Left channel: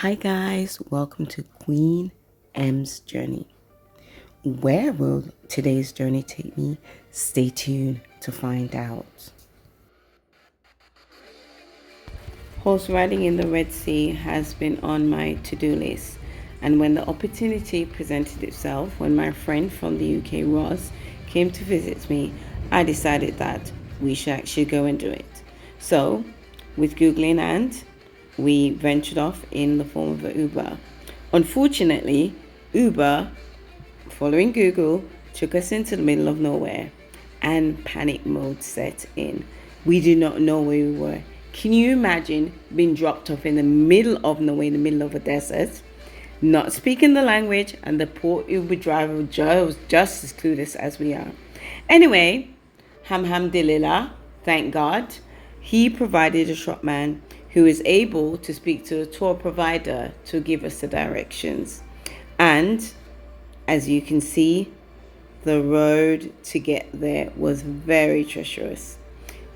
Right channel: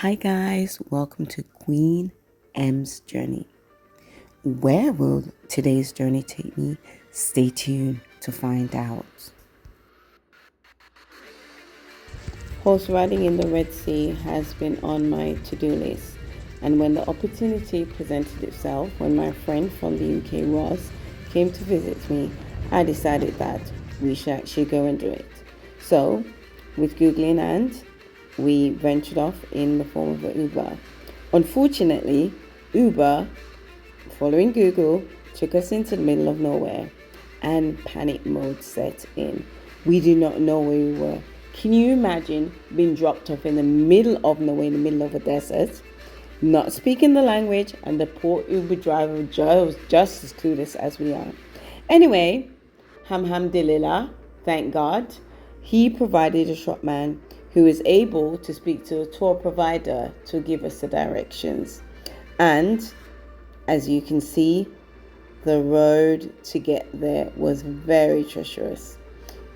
Hi guys, welcome to Queen M's Journey. Where will today's journey take me? Stay tuned to find out. Horse riding in the Red Sea has been on my to-do list, and when the opportunity presented itself, when my friend from the UK, Ross, came to visit me, I decided that we should actually go and do it. So, with Googling and we ventured off in the form of an Uber. Unfortunately, Uber, following Google, took us into the middle of nowhere and panic mode set in. We did not know where we were. Can you imagine being dropped off in the middle of nowhere, in the middle of a desert, not speaking the language, and the poor Uber driver was just as clueless as we are? Anyway, alhamdulillah, thank God, he provided a shopman who is able to speak to a tour provider to give us the directions. And as you can see, the road to get there was very treacherous.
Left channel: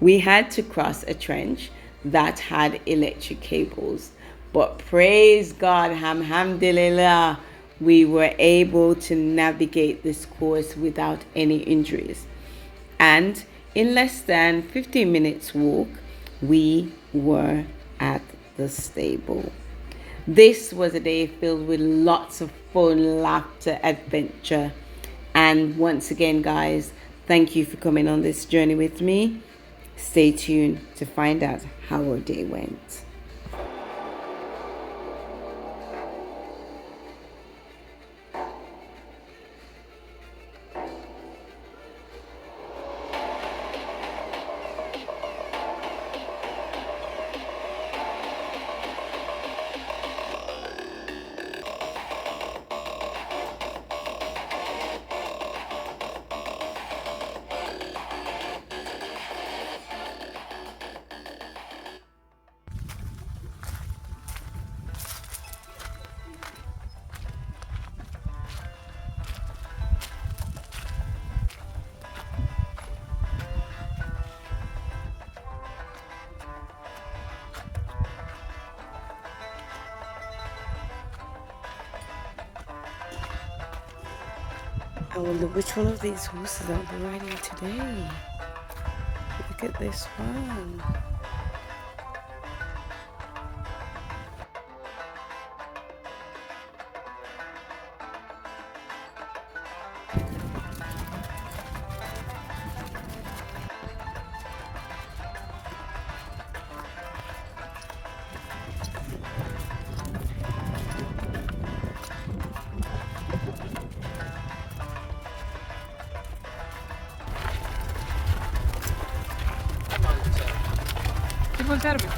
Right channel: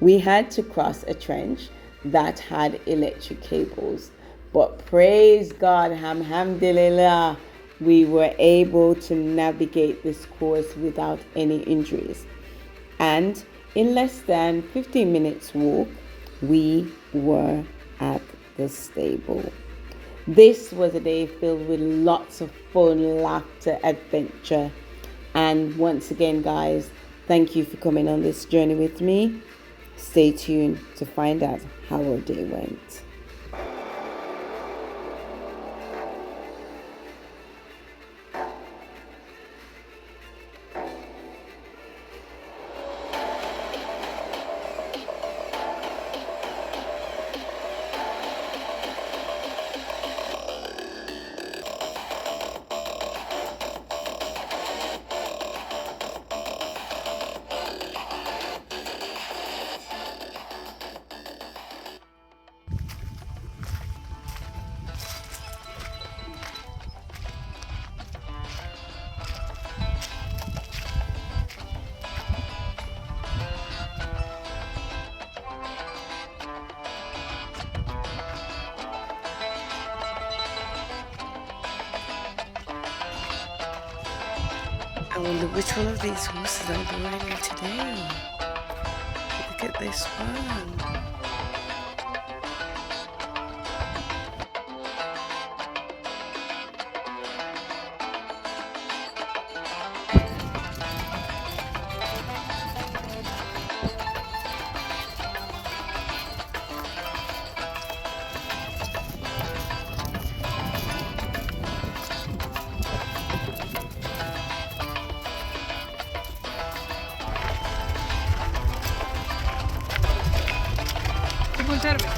We had to cross a trench that had electric cables, but praise God, alhamdulillah, we were able to navigate this course without any injuries. And in less than 15 minutes walk, we were at the stable. This was a day filled with lots of fun, laughter, adventure. And once again, guys, thank you for coming on this journey with me. Stay tuned to find out how our day went. I wonder which one of these horses I'll be riding today. Look at this one. Dato.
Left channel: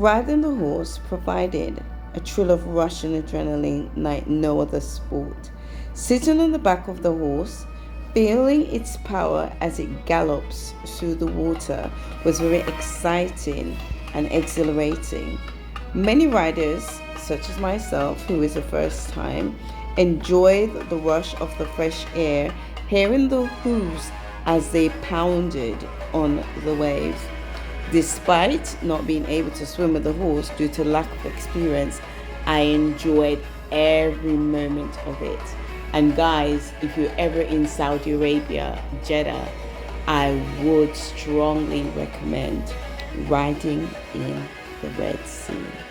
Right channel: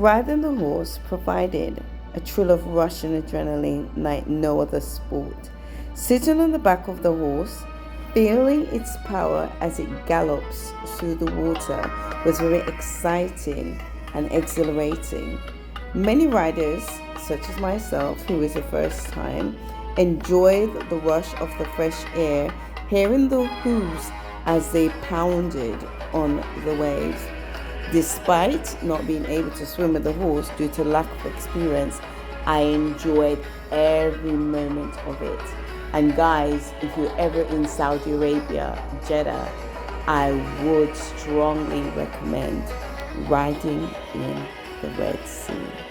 Riding the horse provided a thrill of rush and adrenaline like no other sport. Sitting on the back of the horse, feeling its power as it gallops through the water was very exciting and exhilarating. Many riders, such as myself, who is the first time, enjoyed the rush of the fresh air, hearing the hooves as they pounded on the waves. Despite not being able to swim with the horse due to lack of experience, I enjoyed every moment of it. And guys, if you're ever in Saudi Arabia, Jeddah, I would strongly recommend riding in the Red Sea.